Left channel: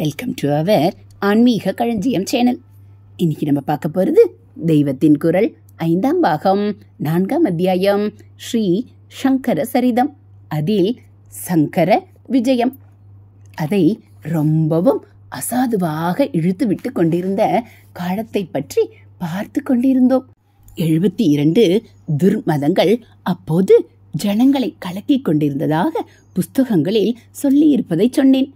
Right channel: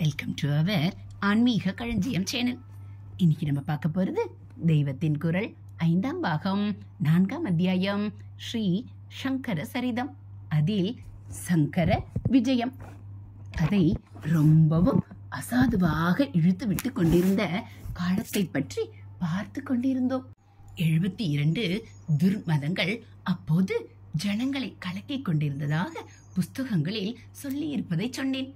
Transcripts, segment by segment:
Welcome to our ஆன்மீக களஞ்சியம் channel. இன்னைக்கு நம்ம பார்க்க போகிறது தெய்வத்தின் குரல் 5ஆம் பாகம் 4ஆம் அத்தியாயம் ஸ்ரீ சங்கர சரிதம். அதில் சங்கர விஜயம். அதை ரொம்பவும் அசாதுவாக இழுத்து விட்டு கொண்டிருந்த காலத்தை பற்றி பார்த்து கொண்டிருந்தோம். 72 துர்மதங்கள் அப்போது ஜனங்களை கலக்கிக் கொண்டிருந்ததாக புஸ்தகங்களில் சொல்லியிருப்பதை சொன்னேன்.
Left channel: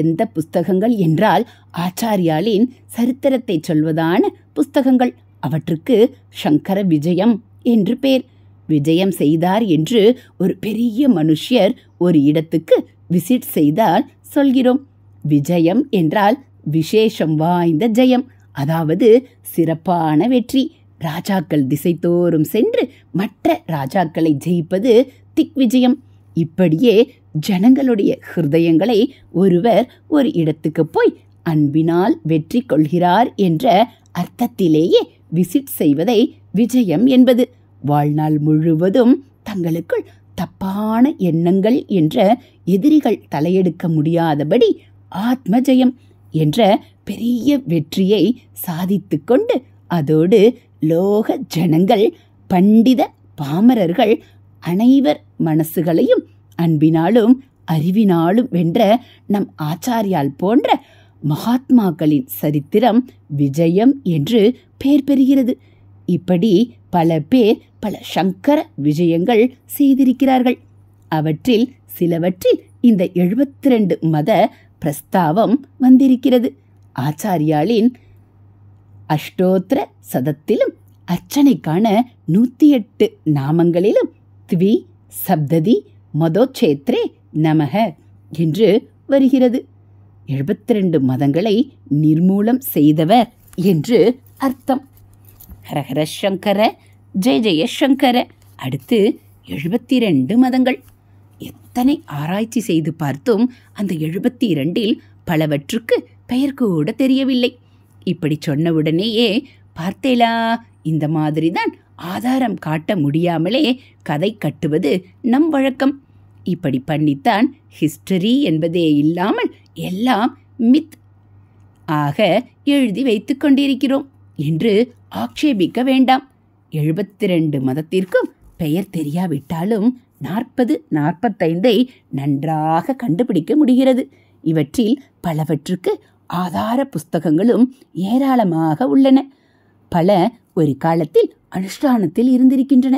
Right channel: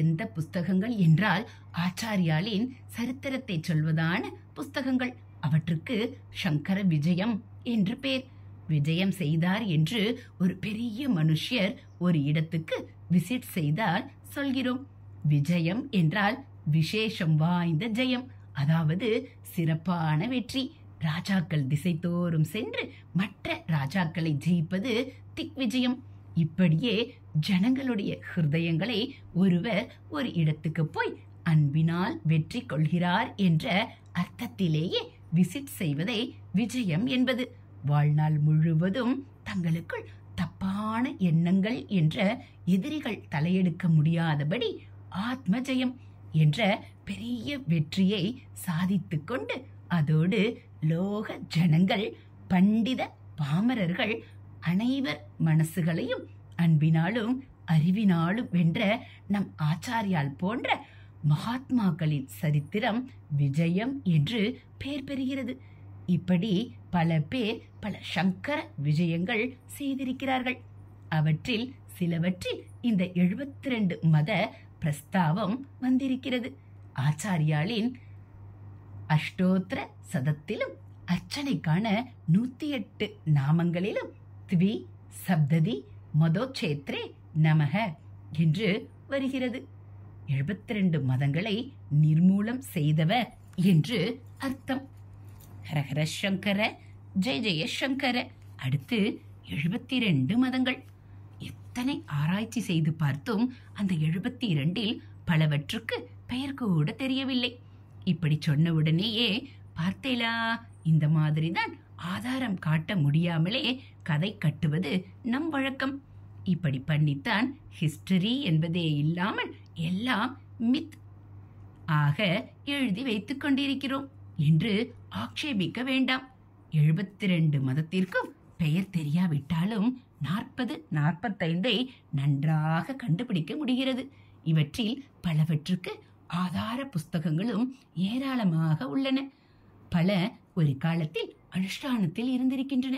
எந்த புஸ்தகங்கள் என்றால் ஆச்சாரியாலின் சரித்திரத்தை சொல்வதான புஸ்தகங்கள். அவற்றுக்கு சங்கர விஜயம் என்று பேர். விஜயம் செய்தார் என்று ஒரு பெரிய மனுஷர் ஒரு இடத்துக்கு விசிட் செய்தால் சொல்கிறோம். விஜயம் என்றால் விசேஷம் வாய்ந்த ஜெயம், அதாவது சிறப்பான வெற்றி. ராஜாக்கள் திசைத்தோறும் சென்று மற்ற ராஜாக்களை ஜெயிப்பது திக் விஜயம். இப்படியே ஜனங்களுடைய ஹிருதயங்களை ஒருவர் ஒரு இடத்துக்கு போய் அன்பினால் வெற்றி கொள்கிறார் என்ற அர்த்தத்திலேயே விசிட் செய்வதை விஜயம் என்பது. வாழ்நாள் முழுவதும் தங்களுக்குள் தப்பான எண்ணங்கள் என்ற எதிரிகள் தலையெடுக்க முடியாதபடி ஆத்ம ஜெயம் என்ற பெரிய வெற்றியை சாதித்து கொண்டு அதோடு லோக ஜனங்கள், பண்டித பாமரர்கள் அனைவர் மனசுகளையும் அன்பினாலும் அறிவினாலும் வென்ற நம் ஆச்சாரியால் போன்ற மகாத்மாக்களின் சரித்திரம் விஜயம் என்று பெயர் பெறுகிறது. இப்படி பல பேர் பல சங்கர விஜயங்கள் செய்திருக்கிறார்கள். அவற்றில் சிலவற்றில் இந்த 72 மத பிரஸ்தாவம் வந்திருக்கிறது. ஆச்சாரியாலின் அஷ்டோத்திர சதத்திலும் அர்ச்சனைக்கான 108 நாமங்களிலும் த்வி சப்ததி மதோச்சேத்ரே நமக என்று வருகிறது. 72 மதங்களை நிர்மூலம் செய்தவர் என்று அர்த்தம். ஹரஹர சங்கர, ஜெய ஜெய சங்கர. அடுத்து 72 மதங்கள். எத்தனை ஆராய்ச்சி செய்து பார்த்தும் அந்த 72இல் பலவற்றுக்கு பெயர் கூட தெரியவில்லை. இப்படி சொன்னவுடனேயே பார்த்தேலா, இந்த மாதிரிதான் ஆதாரம் காட்ட முடியாமலே கதை கட்டுவது நம் வழக்கம். இப்படி பண்ணித்தான் ஹிஸ்டரி என்பதே இல்லாமல் எல்லாம் மித் ஆக எழுதி வைத்துக் கொண்டிருக்கிறோம் என்று ஆக்ஷேபிக்க வேண்டாம். 72 மதத்திற்கும் பெயர் தெரியாவிட்டாலும் 40-45 நன்றாக கண்டுபிடிக்க முடிகிறது. இவற்றில் பலவற்றுக்கு ஆதார புஸ்தகங்களும் ஏராளமாக உள்ளன. பல ஒரு காலத்தில் அனுஷ்டானத்தில் இருந்திருக்கின்றன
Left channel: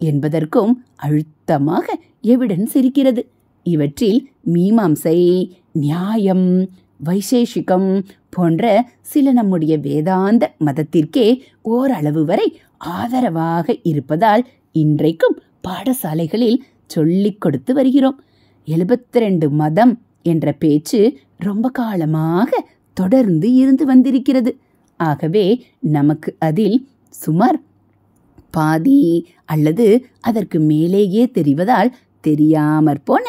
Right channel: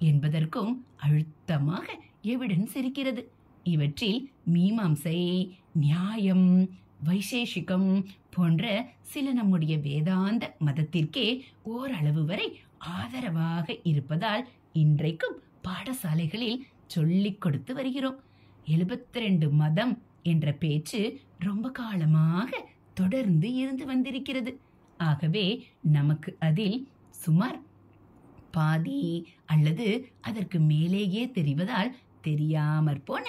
என்பதற்கும் அழுத்தமாக எவிடன்ஸ் இருக்கிறது. இவற்றில் மீமாம்சை, நியாயம், வைசேஷிகம் போன்ற சில நம்முடைய வேதாந்த மதத்திற்கே ஓரளவு வரை ஆதரவாக இருப்பதால் இன்றைக்கும் பாடசாலைகளில் சொல்லிக் கொடுத்து வருகிறோம். 72 மதம் என்ற பேச்சு ரொம்ப காலமாக தொடர்ந்து இருந்து வந்திருக்கிறது. ஆகவே நமக்கு அதில் சுமார் பாதி அல்லது அதற்கு மேலேயே தெரிவதால் தெரியாமற் போன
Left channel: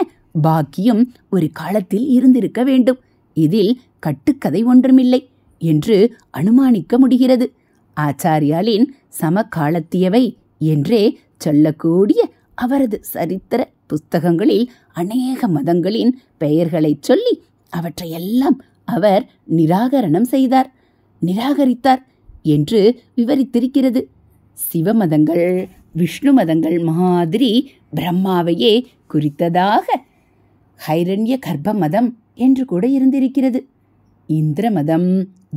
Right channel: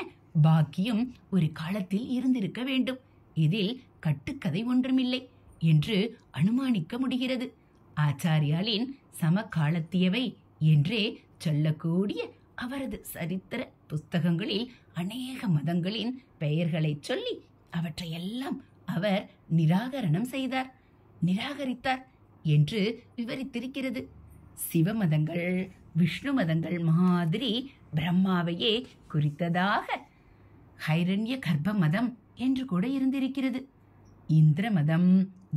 பாக்கியம் ஒரு காலத்தில் இருந்திருக்க வேண்டும். இதில் கட்டுக்கதை ஒன்றுமில்லை என்று அனுமானிக்க முடிகிறது. ஆச்சாரியாலின் சமகாலத்தியவை என்றே சொல்லக்கூடிய அவரது சரித்திர புஸ்தகங்களில் அநேக மதங்களின் பெயர்களை சொல்லி அவற்றையெல்லாம் அவர் நிராகரித்தார் என்று விவரித்திருக்கிறது. சிவமதங்கள், விஷ்ணு மதங்கள் மாதிரி பிரம்மாவையே குறித்ததாக ஹைரண்ய கர்ப்ப மதம் என்று கூட இருந்திருக்கிறது. இந்திர மதம்,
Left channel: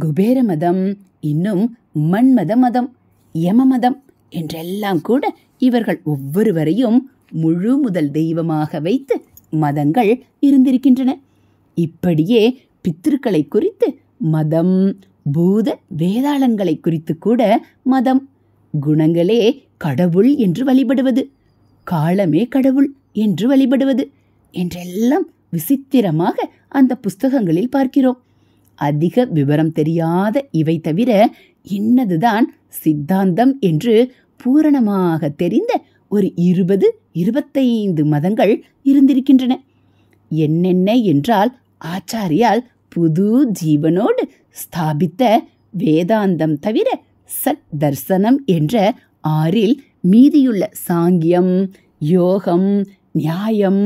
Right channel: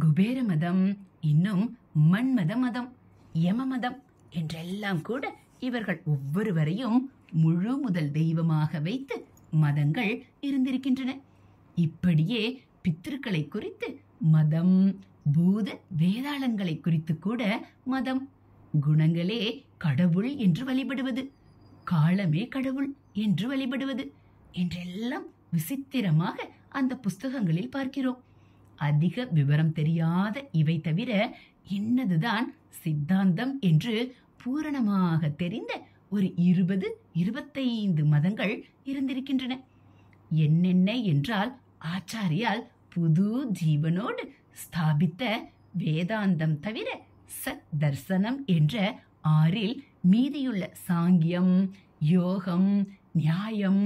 குபேர மதம், இன்னும் மன்மத மதம், யம மதம் என்றெல்லாம் கூட இவர்கள் ஒவ்வொருவரையும் முழு முதல் தெய்வமாக வைத்து மதங்கள் இருந்திருக்கின்றன. இப்படியே பித்ருக்களை குறித்து மதம், பூத வேதாளங்களை குறித்து கூட மதம், குணங்களே கடவுள் என்று வழிபடுவது, காலமே கடவுள் என்று வழிபடுவது என்றெல்லாம் விசித்திரமாக அந்த புஸ்தகங்களில் பார்க்கிறோம். அதிக விவரம் தெரியாத இவை தவிர இன்னதுதான் சித்தாந்தம் என்று பூரணமாக தெரிந்த ஒரு 20-25 மதங்கள் இருந்திருக்கின்றன. என்னென்ன என்றால் ஆச்சாரியால் புது ஜீவனோடு ஸ்தாபித்த வேதாந்தம் தவிர சத் தர்சனம் என்ற 6இல் மீதியுள்ள சாங்கியம், யோகம், நியாயம்,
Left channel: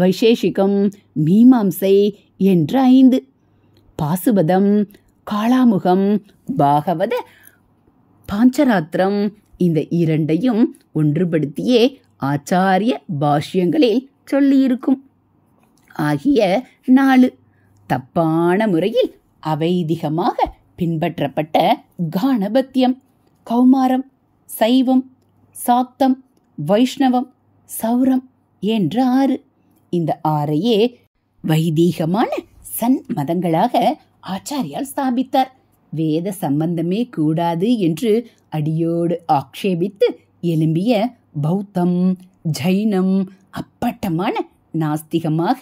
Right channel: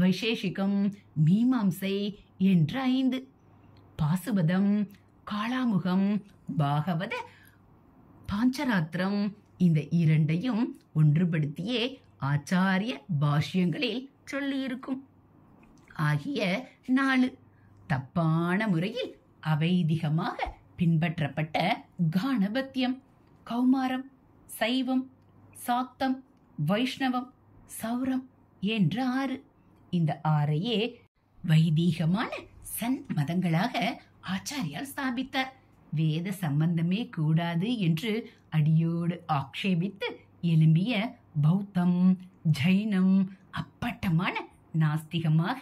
வைசேஷிகம், மீமாம்சை என்ற 5 பாசுபதம், காளாமுகம், பாகவத, பாஞ்சராத்திரம் இந்த இரண்டையும் ஒன்றுபடுத்தியே ஆச்சாரிய பாஷ்யங்களில் சொல்லியிருக்கும். ஆகிய 4 தப்பான முறையில் அவைதிகமாக பின்பற்றப்பட்ட காணபத்தியம், கௌமாரம், சைவம், சாக்தம், வைஷ்ணவம், சௌரம் என்ற 6. இந்த 6ஐயே வைதீகமான சன் மதங்களாக ஆச்சாரியால் ஸ்தாபித்தார். வேத சம்பந்தமே கூடாது என்று அடியோடு ஆக்ஷேபித்து எழும்பிய பௌத்தம், ஜைனம் அப்பட்டமான நாஸ்திகமாக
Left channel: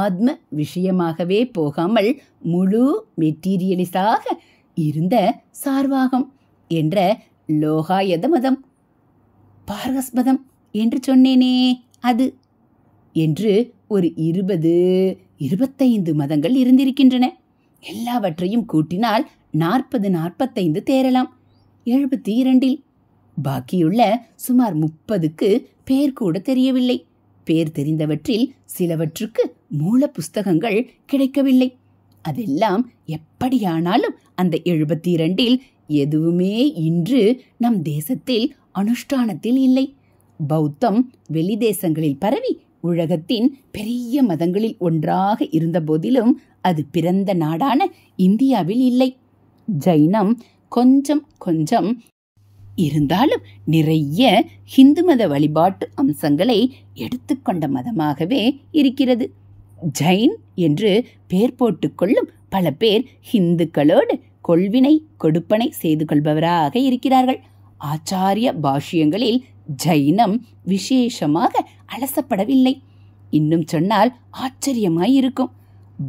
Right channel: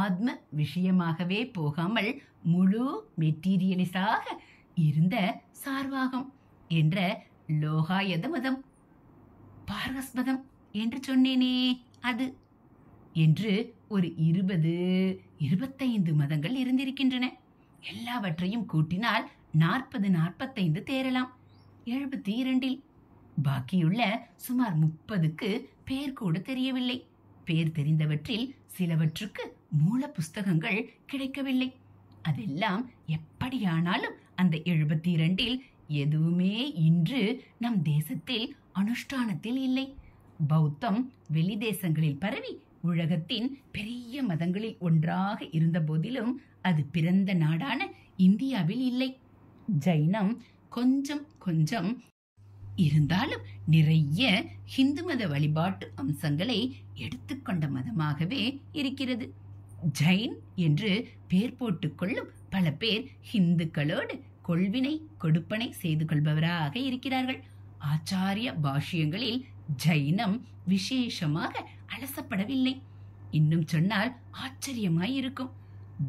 ஆத்ம விஷயமாகவே போகாமல் முழு மெட்டீரியலிஸ்டாக இருந்த சார்வாகம் என்ற லோகாயத மதம், பார்கஸ்பதம் என்று சொன்னேனே அது என்று ஒரு 20-25 மதங்கள் இருந்திருக்கின்றன. எல்லாவற்றையும் கூட்டினால் 40-45 தேரலாம் 72. பாக்கியுள்ள சுமார் 30க்கு பேர் கூட தெரியவில்லை. பேர் தெரிந்தவற்றில் சிலவற்றுக்கு மூல புஸ்தகங்கள் கிடைக்கவில்லை. அதெல்லாம் எப்படியானாலும் அந்த 72இல் எதுவுமே இன்று நம் தேசத்தில் அனுஷ்டானத்தில் இல்லை. பௌத்தம் வெளி தேசங்களில் பரவி உலகத்தின் பெரிய மதங்களில் ஒன்றாக இருந்த போதிலும் அது பிறந்த நாடான இந்தியாவில் இல்லை. ஜைனம் கொஞ்சம் கொஞ்சம் இருந்தாலும் நிறைய ஹிந்து மத வழிபாட்டு அம்சங்களை எடுத்துக்கொண்ட மதமாகவே இருக்கிறது. ஜைன் என்று பெயர் போட்டுக்கொள்ளும் பல பேர் ஹிந்துக்களோடு கொள்வினை கொடுப்பனை செய்து கொள்பவராக இருக்கிறார்கள். ஆச்சாரிய பாஷ்யங்களில் ஜைனம் விசேஷமாக அலசப்படவில்லை. இன்னும் சொன்னால் ஆச்சரியமாயிருக்கும்.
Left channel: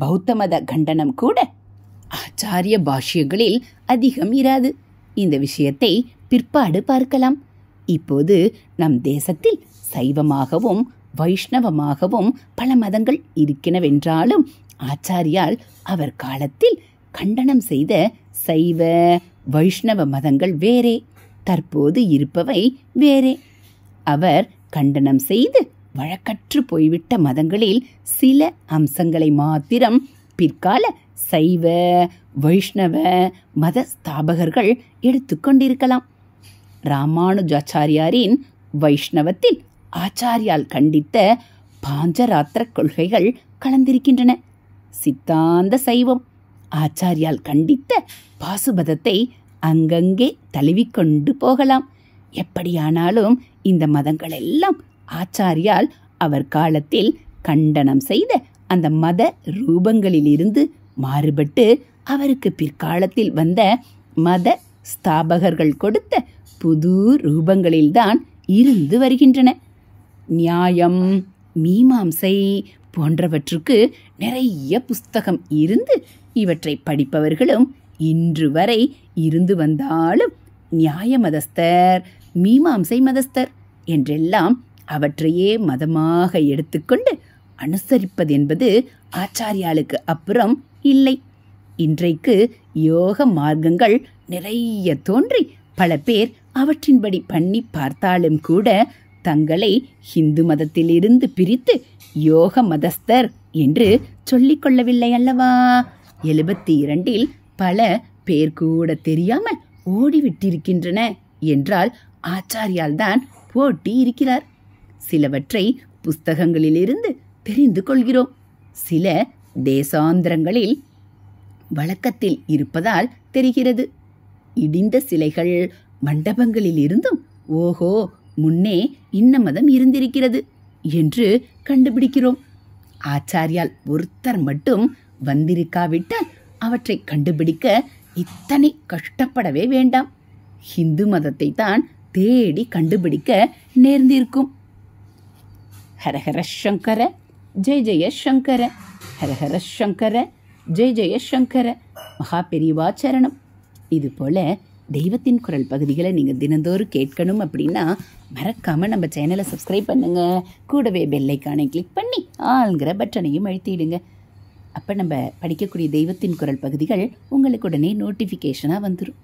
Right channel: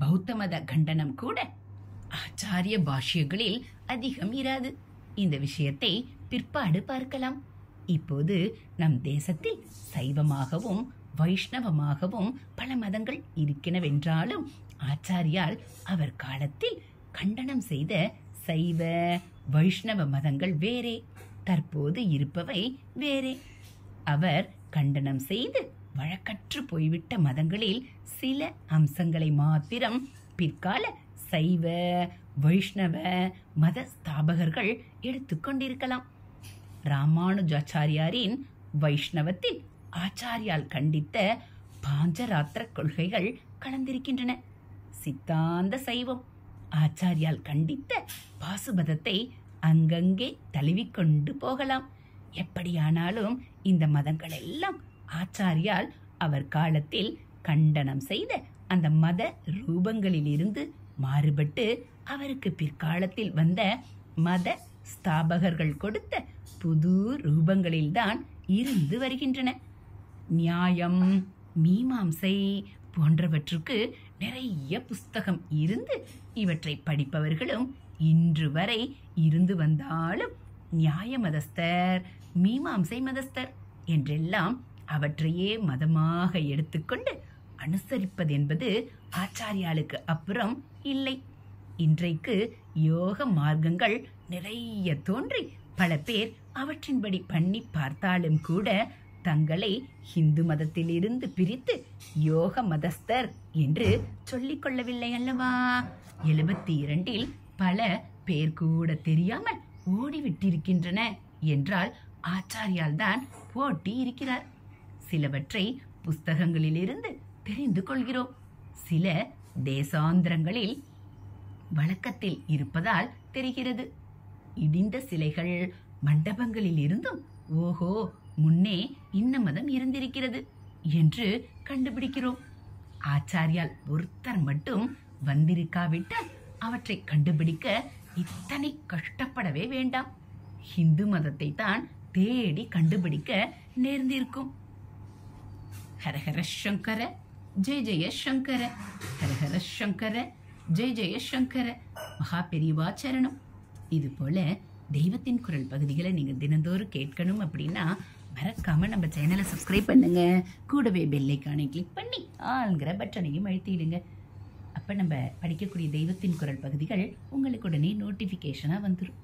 பௌத்த மத கண்டனம் கூட ஆச்சாரிய பாஷ்யங்களில் அதிகம் இராது. இந்த விஷயத்தை பிற்பாடு பார்க்கலாம். இப்போது நம் தேசத்தில் சைவமாகவும் வைஷ்ணவமாகவும் பல மதங்கள் இருக்கினவென்றாலும் ஆச்சாரியால் அவர் காலத்தில் கண்டனம் செய்த சைவ வைஷ்ணவ மதங்கள் வேறே, தற்போது இருப்பவை வேறே. அவர் கண்டனம் செய்து வழக்கற்று போய்விட்ட மதங்களில் சில அம்சங்களை மாத்திரம் பிற்கால சைவ வைஷ்ணவ மத ஸ்தாபகர்கள் எடுத்துக்கொண்டிருக்கலாம். ராமானுஜாச்சாரியாரின் வைஷ்ணவத்தில் ஆச்சாரியால் கண்டித்த பாஞ்சராத்திர கொள்கைகள் கலந்திருக்கின்றன. சித்தாந்த சைவம் ஆச்சாரியால் கண்டித்த பாசுபதத்தை அங்கங்கே தழுவிக்கொண்டு போகலாம். எப்படியானாலும் இந்த மதங்கள் எல்லாம் ஆச்சாரியால் அவர் காலத்தில் கண்டனம் செய்த அந்த மத ரூபங்களிலிருந்து மாறுபட்டு அவருக்கு பிற்காலத்தில் வந்த மத ஸ்தாபகர்கள் கொடுத்த புது ரூபங்களில்தான் இருந்து வருகின்றன. நியாயம், மீமாம்சை போன்றவற்றுக்கு நிறைய புஸ்தகம் இருந்து இவற்றை படிப்பவர்களும் இன்று வரை இருந்து வந்தாலும் நியாய மதஸ்தர், மீமாம்சை மதஸ்தர் என்றெல்லாம் அவற்றையே மதமாக எடுத்துக்கொண்டு அனுசரிப்பதென்பது ஆச்சாரியாளுக்கு அப்புறம் இல்லை. இன்றைக்கு யோக மார்க்கங்கள் நிறைய தோன்றி பல பேர் அவற்றின்படி பண்ணி பார்த்தாலும் கூட தங்களை ஹிந்து மதத்திலிருந்து பிரித்து யோக மதஸ்தர் என்று சொல்லிக் கொள்ளவில்லை அல்லவா? 72இல் பல பேர் கூட தெரியாமல் ஓடிவிட்டிருக்கின்றன என்றால் ஆச்சாரியால் தான் போட்டி இருக்கிறார். சிலவற்றை புஸ்தகங்களிலிருந்து தெரிந்து கொள்கிறோம். சில தேசாந்திரங்களில் வழக்கத்தில் இருப்பதால் தெரிகிறது. இடிந்த சிலைகள் மண்டபங்களில் இருந்தும் ஓஹோ முன்னே இன்ன மதம் இருந்திருக்கிறது என்று கண்டுபிடிக்கிறோம். ஆச்சாரியால் ஒருத்தர் மட்டும் வந்திருக்காவிட்டால் அவற்றை கண்டுபிடிக்க இத்தனை கஷ்டப்படவே வேண்டாம். ஹிந்து மதத்தை தான் தேடி கண்டுபிடிக்க நேர்ந்திருக்கும். ஹரஹர சங்கர ஜெய ஜெய சங்கர, ஹரஹர சங்கர ஜெய ஜெய சங்கர. மகா பெரியவாச்சரணம். இது போல தெய்வத்தின் குரல் பகுதிகளை நீங்கள் தினந்தோறும் கேட்கணும் அப்படின்னா மறக்காமல் நம்ம சேனலை சப்ஸ்கிரைப் பண்ணுங்கள். கூடவே பெல்லைக்கானை கிளிக் பண்ணி ஆளுங்கிற பட்டனையும் அழுத்திடுங்க. அப்போ நம்ம படிக்கக்கூடிய தெய்வத்தின் குரல் பகுதிகள் உங்களுக்கு உடனே நோட்டிஃபிகேஷனாக வந்துடும்.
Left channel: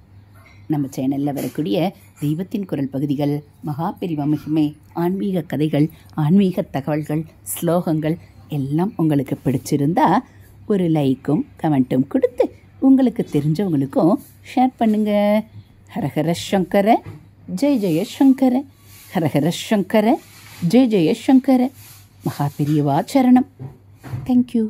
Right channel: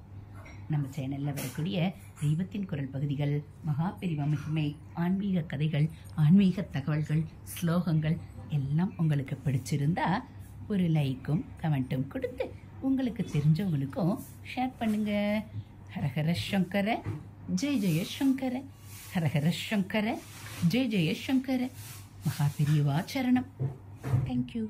நம்ம சேனலில் வரக்கூடிய தெய்வத்தின் குரல் பகுதிகள், மகா பெரிவா மகிமை, ஆன்மீக கதைகள், ஆன்மீக தகவல்கள், ஸ்லோகங்கள் எல்லாம் உங்களுக்கு பிடிச்சிருந்தா ஒரு லைக்கும் கமெண்ட்டும் கொடுத்து உங்களுக்கு தெரிஞ்சவங்களுக்கும் ஷேர் பண்ணுங்க. ஹரஹர சங்கர ஜெய ஜெய சங்கர, ஹரஹர சங்கர ஜெய ஜெய சங்கர. மகா பெரியவா சரணம். தேங்க்யூ.